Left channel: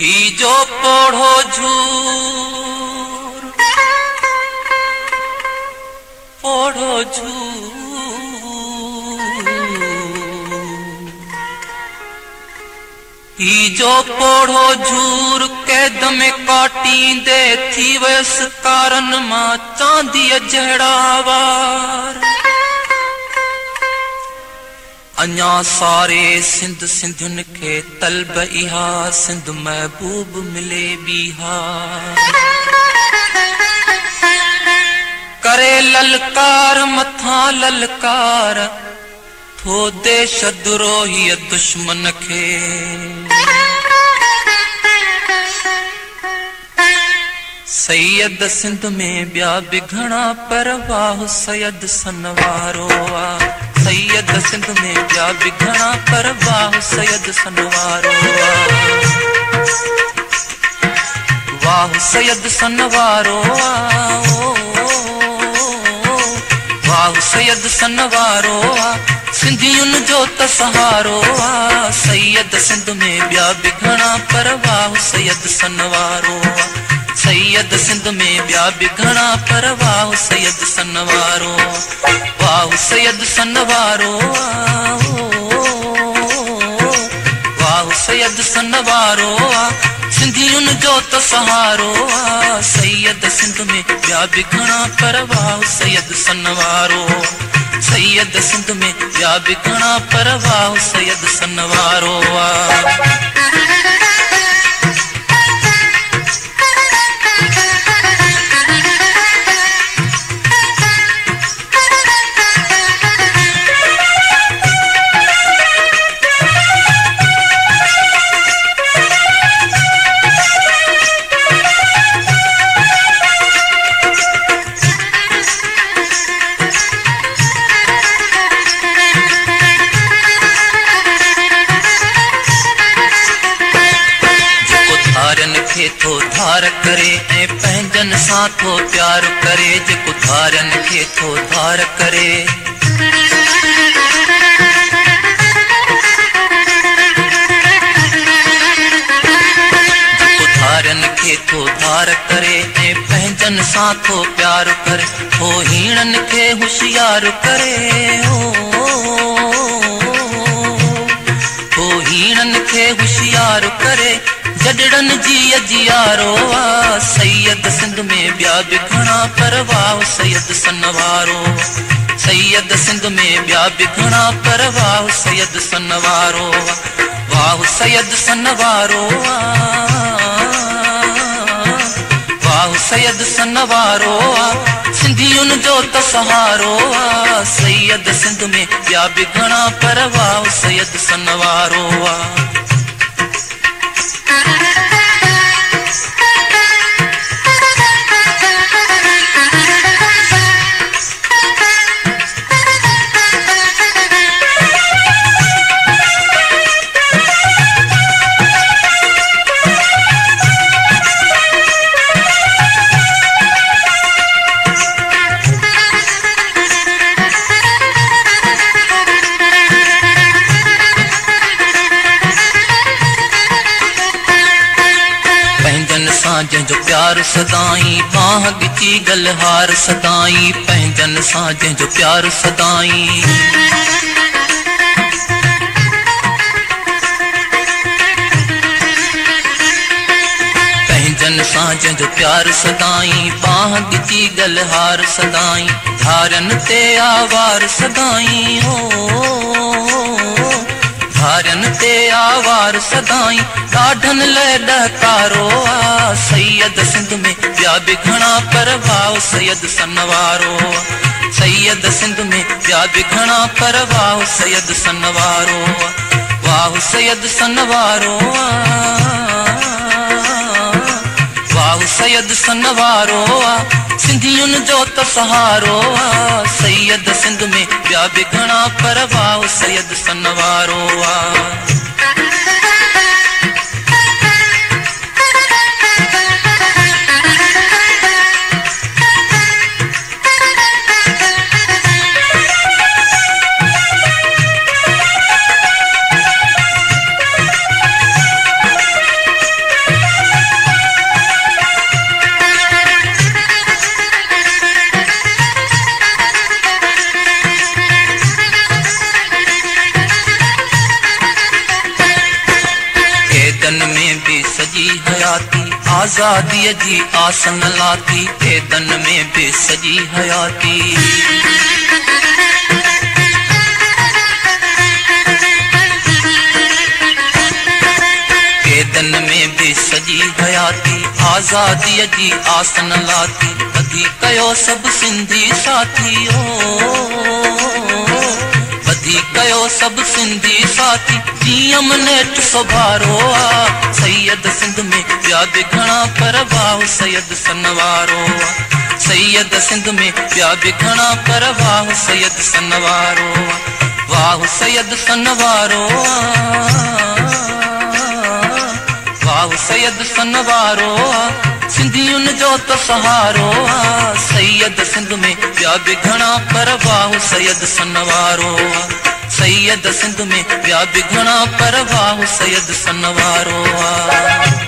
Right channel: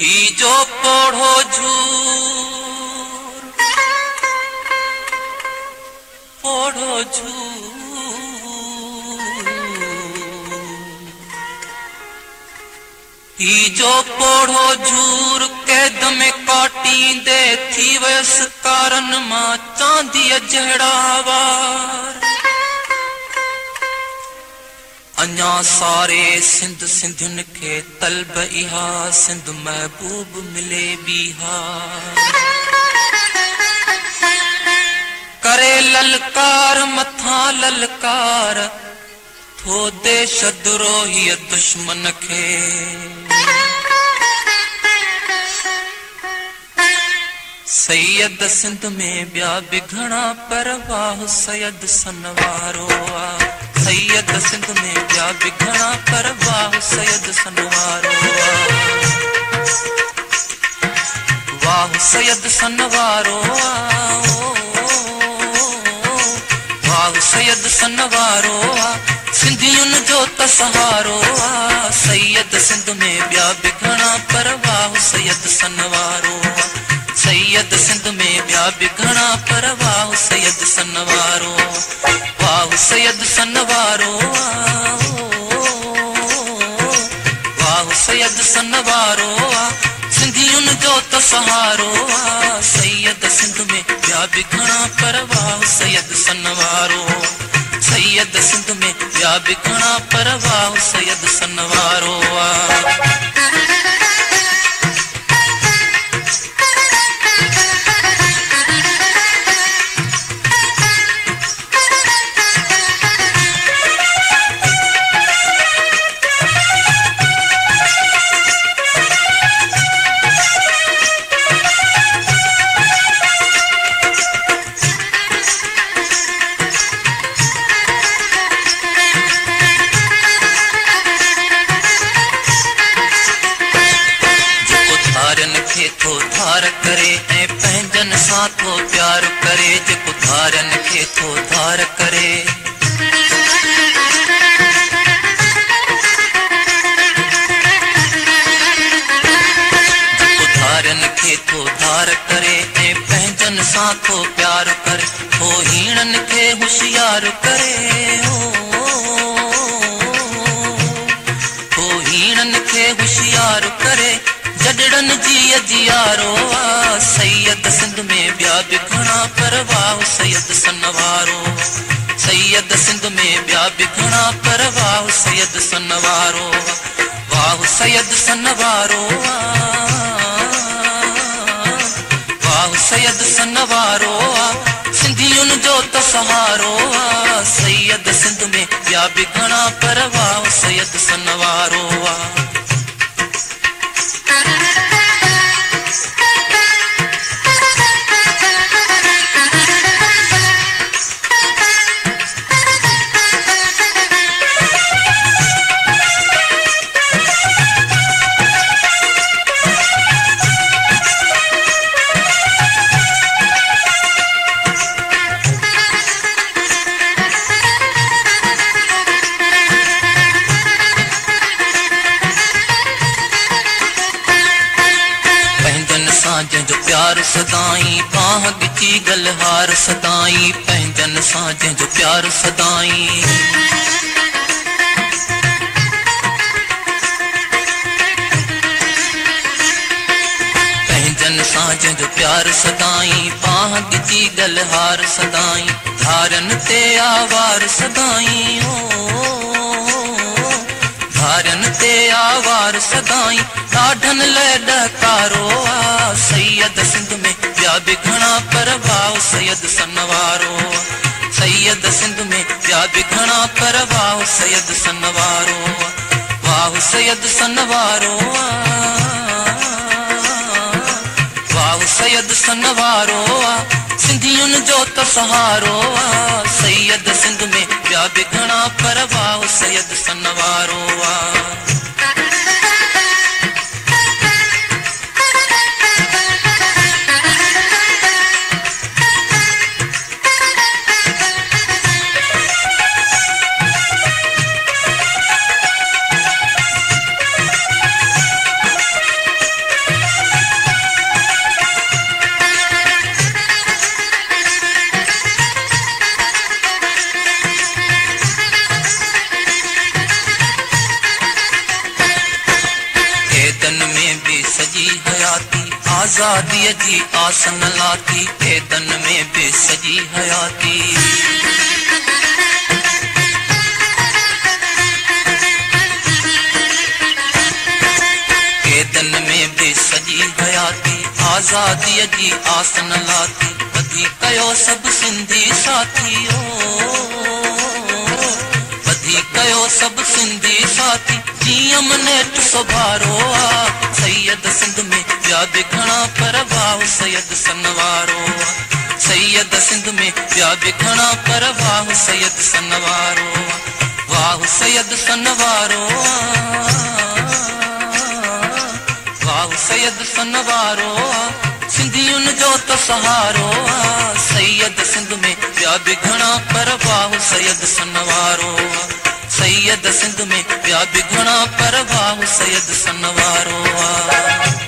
ही जो पढ़ो झूर पढ़ो झूर ही जो पढ़ो झूर कैद में काटी दे थी वैस कारण मां चांदी जहड़ावार अञा सारे सिंध सिंधिन के तलब इहा सिंध महबूब मिले बिहार करे ललकार मथा ललकार थो देश द्रोही दुश्मन के सैयद सिंध में ॿिया बि घणा पर वाह सैयद सनवारो आ सैयद सिंध में ॿिया बि घणा पर वाह सैयद सनवारो आ वाह सैयद सनवारो आ वाह सैयद सनवारो आ सिंधियुनि जो त सहारो आ सैयद सिंध में ॿिया बि घणा पर वाह सैयद सनवारो आ सैयद सिंध में ॿिया बि घणा पर वाह सैयद सनवारो वाह सैयद सनवारो वाह सैयद सनवारो सिंधियुनि जो त सहारो सैयद सिंध में ॿिया बि घणा पर वाह सैयद सनवारो सैयद सिंध में ॿिया बि घणा पर वाह सैयद सनवारो थो धार करे ऐं पंहिंजनि सां थो प्यार करे जेको धारनि खे थो धार करे जेको धारनि खे थो धार करे ऐं पंहिंजनि सां थो प्यार करे हो हीणनि खे होशियार करे हो हीणनि खे होशियार करे जडड़न जी अजियारो सैयद सिंध में ॿिया बि घणा पर वाह सैयद सनवारो सैयद सिंध में ॿिया बि घणा पर वाह सैयद सनवारो वाह सैयद सनवारो वाह सैयद सनवारो सिंधियुनि जो त सहारो सैयद सिंध में ॿिया बि घणा पर वाह सैयद सनवारो जंहिंजो प्यार सदाई बाह बिची गलहार सदाई पंहिंजनि सां जंहिंजो प्यार सदाई पंहिंजनि सां जंहिंजो प्यार सदाई बाह बिची गलहार सदाई धारनि ते आवार सदाई धारनि ते आवार सदाई ॾाढनि लाइ ॾकारो सैयद सिंध में ॿिया बि घणा पर वाह सैयद सनवारो सैयद सिंध में ॿिया बि घणा पर वाह सैयद सनवारो वाह सैयद सनवारो वाह सैयद सनवारो सिंधियुनि जो त सहारो सैयद सिंध में ॿिया बि घणा पर वाह सैयद सनवारो कैदन में भी सजी हयाती, आजादी जी आसन लाती, कैदन में भी सजी हयाती। कैदन में भी सजी हयाती, आजादी जी आसन लाती, बधी कयो सब सिंधी साथी बधी कयो सब सिंधी साथी, नियम नेठ सुभारो आ, सैयद सिंध में ॿिया बि घणा पर वाह सैयद सनवारो आ, सैयद सिंध में ॿिया बि घणा पर वाह सैयद सनवारो आ, वाह सैयद सनवारो आ, वाह सैयद सनवारो आ, सिंधियुनि जो त सहारो आ, सैयद सिंध में ॿिया बि घणा पर वाह सैयद सनवारो आ, सैयद सिंध में ॿिया बि घणा पर वाह सैयद सनवारो आ।